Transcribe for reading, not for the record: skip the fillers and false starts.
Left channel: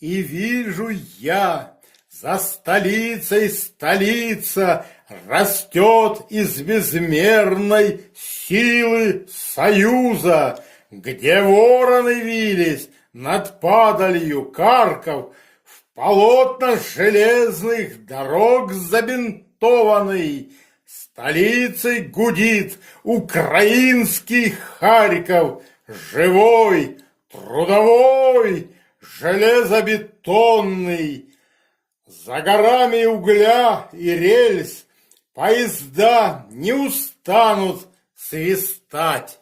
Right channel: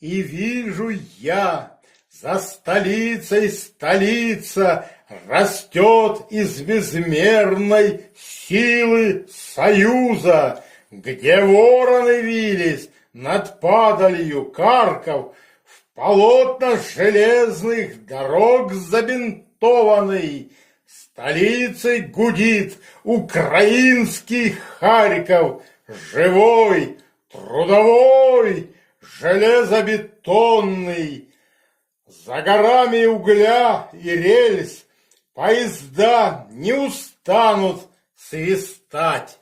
И вижу я, за столицей столица растет из безмерной силы союза, где вороны вились над падалью Карков, в полотнах железных дорог забинтованный, столицей гудит украинский Харьков, живой, трудовой, железобетонный. За горами угля и рельс поезда не устанут свистать.